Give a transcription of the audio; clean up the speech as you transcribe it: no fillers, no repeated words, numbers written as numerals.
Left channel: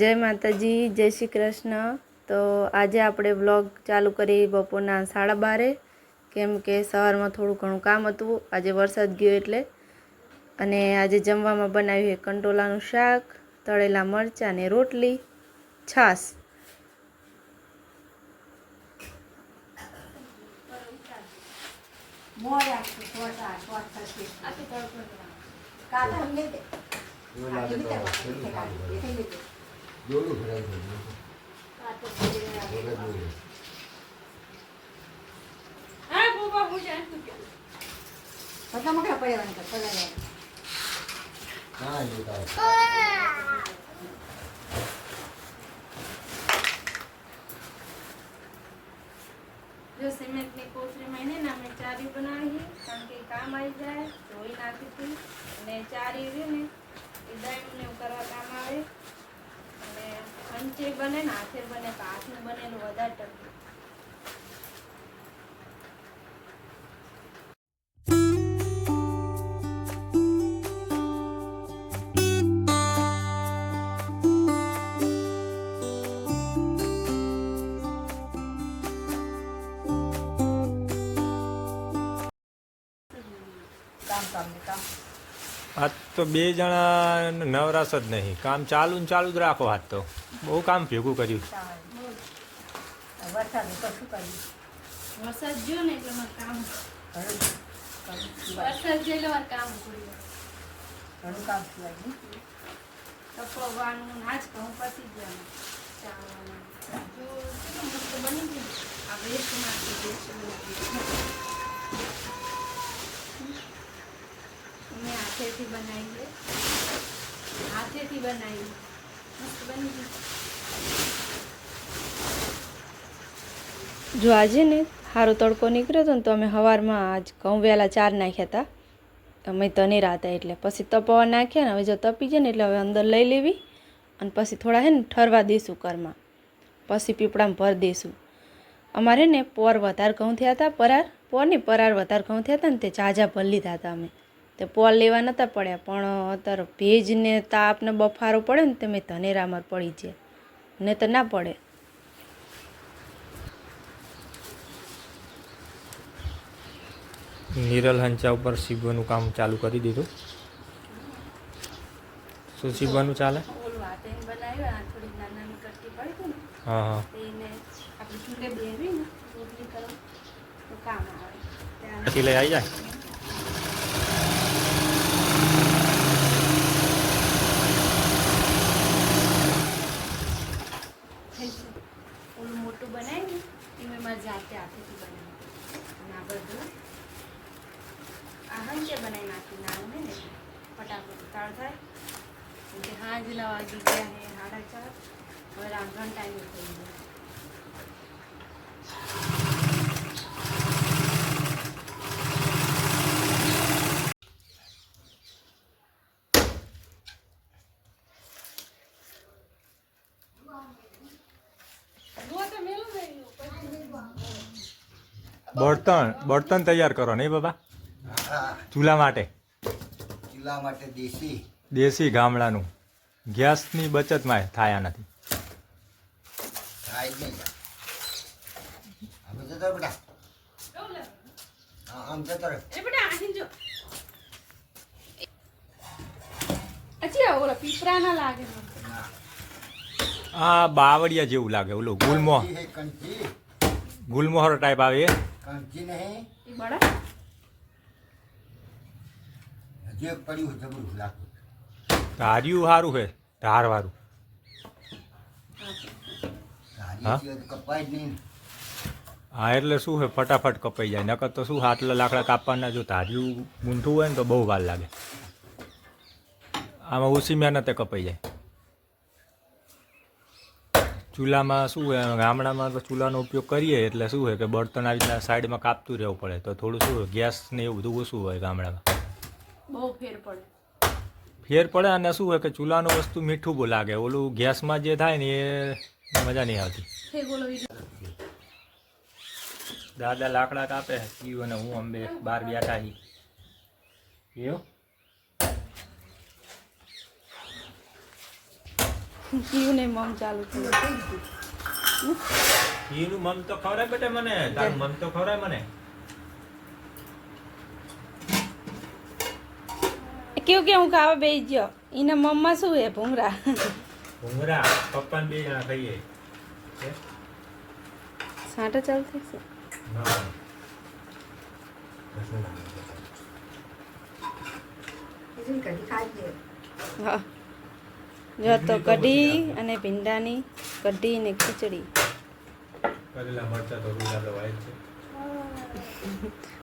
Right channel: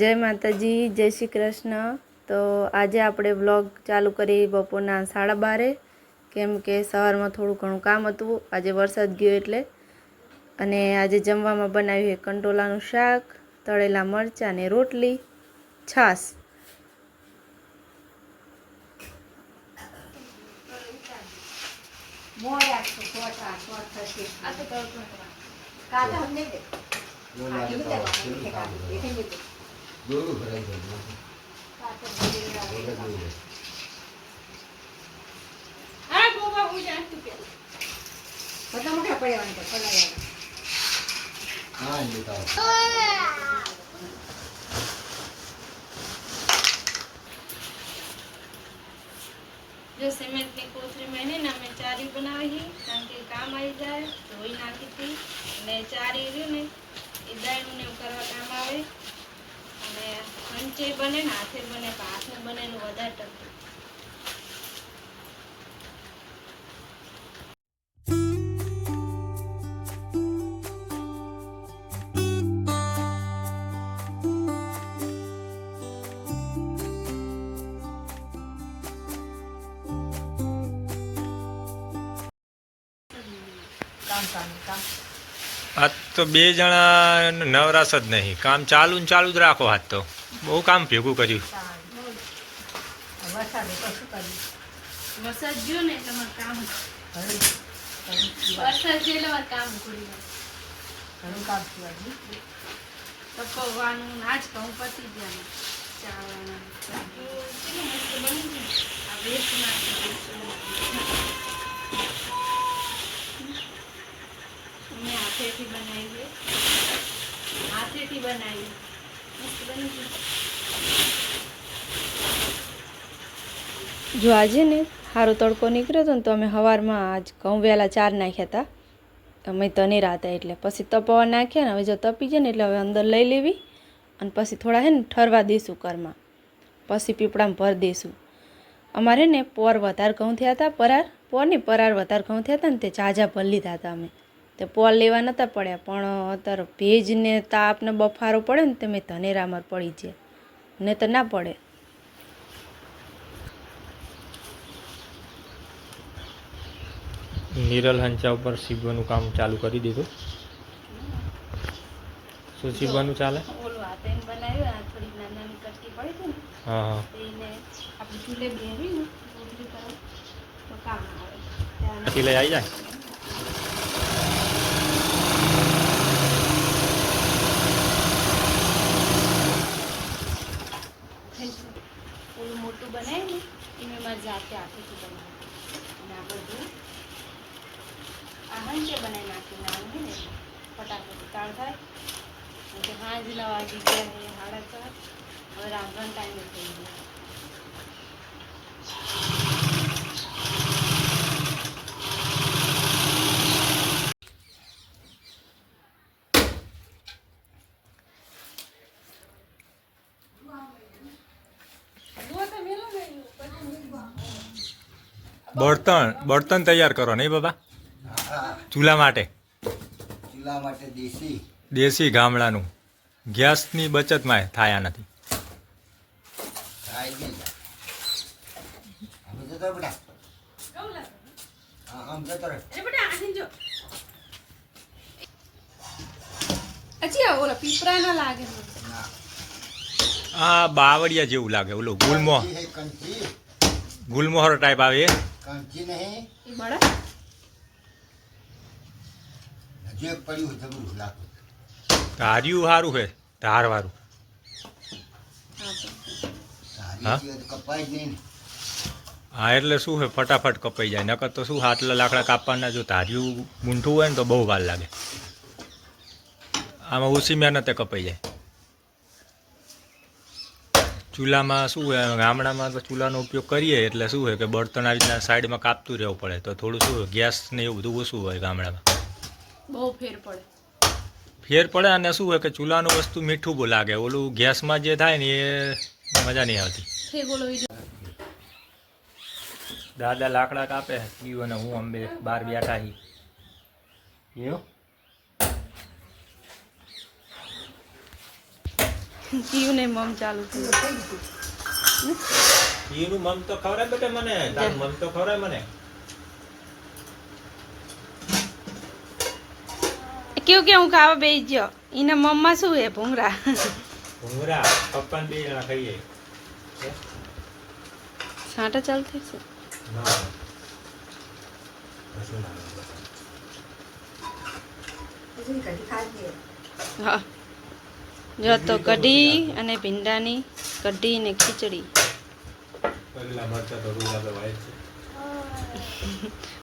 જય માતાજી, જય શ્રી કૃષ્ણ। તો આજે આપણે વ્લોગ ચાલુ કરી બપોરના 12:30 કેમ કે સવારમાં થોડું ઘણું કામ હતું, આજે વરસાદ ગયો એટલે। અને આજે જમવામાં બનાવ્યું છે કંટોલાનું શાક, તળેલા મરચાં ને રોટલી, છાશ। जो सीमेंट ની કોથળીમાં એને ને અમે ચારી બનાવી કારણ કે કામ આવી જાય ધોઈ નાખી હતી અને ચારી રહ્યું ને એ દળનું ને કરવા કામ આવે અને હંચે બને ને હાથે બને તો હાથનું બનેલું વધારે ટકે। आज तो बे जणा नवराश ज नहीं, काम चालू न चालू ज राखो। आज तो बहु काम भेगू कर्यु। વરસાદ ગયો ને એટલે મારું કામ વરસાદ ગયો એટલે મારું કામ પૂરું ઘણું કામ થયું તપવાનું આજ ઘઉં પતી ગયા ચાળવાના કેટલું મસ્ત બની ગયું આપણે એક નાખી અમે હાથેથી બનાવી મસ્ત બની ગયું। જો આજે ને સારો તડકો નીકળ્યો હતો ને તો અમે સવારમાં આજ ઘઉં વહેલા 4 નાખ્યા હતા, અમે તને રાતા એટલે પછી તપવા નાખ્યા ને હવે જો તપી જાય ને એટલે હવે અંદર લઈ લેવી અને પછી થોડા હે ને ઠરવા દઈશું કરમાં, પછી પીપળામાં ભર દઈશું। અમારે ને પોર વધારે ઘઉં થયા હતા, પરાર વધારે ઘઉં થયા હતા ને તે ઝાઝા ભર લીધા હતા અમે, તે પોર લેવા નહોતા પડ્યા પણ અત્યારે ભેજ ને તાપ ને બફારો પડે ને તે મેં ધનેરામાં પડી જાય ને તો ના પડે। निरल हंचा पर सीबવાનું काम चालू કરી દીધું। શું सीबવાનું ચાલે? ઓલું હાથેન બનાવ્યું આ થોડી નાની કટકી પડી હતી ને હા હા એને આપણે ચૂલે બેહવી ને રોટલી કરો તો કામ આવે પછી લઈ આવી જાય। ઓલું મોટું બનાવ્યું ને એ મેં મારી જાતે હાથેથી બનાવ્યું અને આ બધું આ હંચે બનાવી નાખી નાનું ને ફટાફટ તાળ થાય કે હાંજના વાગી ગયા છે 4:30 હવે રાંધવાનો ટાઈમ થઈ ગયો। બર્તન તૈયાર કરો નહીં બાબા? ચૂલા માટે દેશી ગામડાનું ગેસની બચતમાં થાયા નથી। આ બાવળિયા જેવું લાગે, ઓલો ગુલમોહર ટાઈપ આવે એ ધાર્યું સારું છે, ધારવાળું। હા એટલે શું છે ફટાફટ કપાઈ જાય, નકર તો શું આટલા લાકડા કાપવાના, જો ધાર્યું મૂંઠું હોય ને તો બહુ વાર લાગે। આમાં ઓછી મહેનતે કપાઈ જાય। ચૂલામાં શું હોય, ગામડામાં તો ચૂલાનો ઉપયોગ કરીએ એટલે શું હોય કે બળતણ આવી રીતના સાઈડમાં કાપતું રહેવું પડે, તો થોડું શું હોય ગેસ ને એવું બધું ઓછું હોય ગામડામાં, બહુ ફેર પડે। અને શું હોય કે ચૂલાનું વસ્તુ મીઠું બહુ લાગે, ઓલું ગેસમાં જે થાય ને એ મજા નહીં આવતી। દાદા લાકડા કાપે પીવું અને હું અંબે બહાર બેઠા એવું કયું ને મમ ચાલુ થયું એનું મમ તો ખવડાય બેટા મને, તારું મમ તો ખવડાય મને. કેવું કે હું ખાવા બેસી ગયો એના મમ્મા શું હે ભૂંગરા ભૂંગરા પપ્પા બે જણા ખાઈએ. હે? સાંટા ચાલુ થઈ છે હા. કશું ના આવે. હા જો તો કઢી અને ભીંડાની કઢી ને ખીચડી કરેલા મરચાં તો રોજ આપણે વાય છે.